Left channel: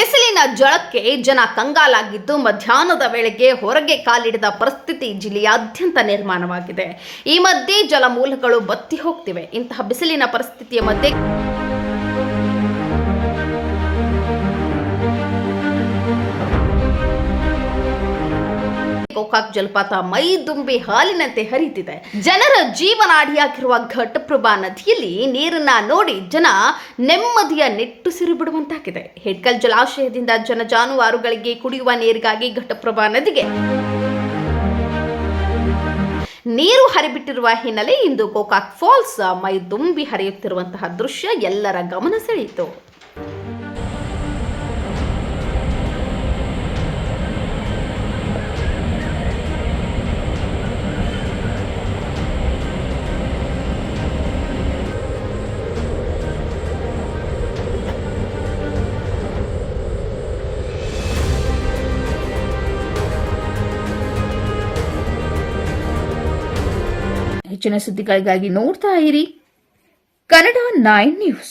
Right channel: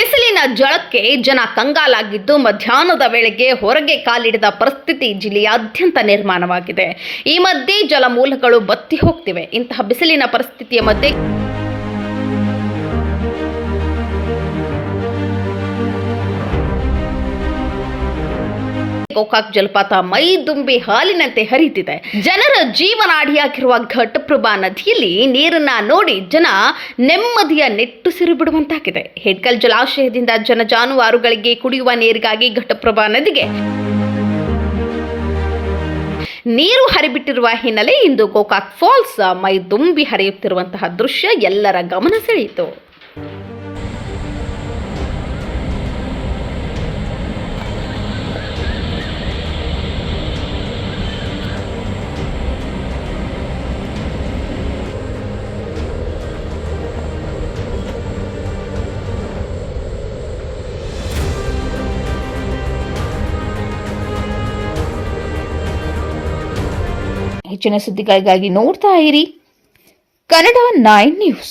ಬಿಸಿಲಿನ ಝಳಕ್ಕೆ ಜನ ಕಂಗಾಲಾಗಿದ್ದು ಮಧ್ಯಾಹ್ನದ ವೇಳೆಗೆ ಹೊರಗೆ ಕಾಲಿಡಿದ ಪರಿಸ್ಥಿತಿ ಜಿಲ್ಲೆಯಾದ್ಯಂತ ನಿರ್ಮಾಣವಾಗಿದೆ. ಈ ಮಧ್ಯೆ ಜಲಮೂಲಗಳು ಬತ್ತಿ ಹೋಗ್ತಿವೆ. ಇಂತಹ ಬಿಸಿಲಿನ ಪರಿಸ್ಥಿತಿಯ ಮಧ್ಯೆ ಗೋಕಾಕ್ ಜಲಪಾತ ಮೈ ತುಂಬಿ ಹಾಲಿನಂತೆ ಹರಿಯುತ್ತಿದೆ. ಜನರ ಜೀವನಾಡಿಯಾಗಿರುವ ಘಟಪ್ರಭಾ ನದಿಯಲ್ಲಿ ನೀರನ್ನ ನೋಡಿ ಜನ ನೆಮ್ಮದಿಯ ನಿಟ್ಟುಸಿರು ಬಿಡುವಂತಾಗಿದೆ. ಹೆಡ್ಕಲ್ ಜಲಾಶಯದಿಂದ ಜನ ಜಾನುವಾರುಗಳಿಗೆ ಕುಡಿಯುವ ನೀರಿಗಾಗಿ ಘಟಪ್ರಭಾ ನದಿಗೆ ನೀರು ಹರಿಬಿಟ್ಟಿರುವ ಹಿನ್ನೆಲೆ ಇಂದು ಗೋಕಾಕ್ ಫಾಲ್ಸ್ ಮೈ ತುಂಬಿ ಹರಿಯುತ್ತಿರುವಂತಹ ದೃಶ್ಯ ಎಲ್ಲರ ಗಮನ ಸೆಳೆಯಿತು. ಹೆಚ್ಚಿನ ಸುದ್ದಿಗಳಿಗಾಗಿ ನೋಡ್ತಾ ಇರಿ ಕನ್ನಡ 9 ನ್ಯೂಸ್.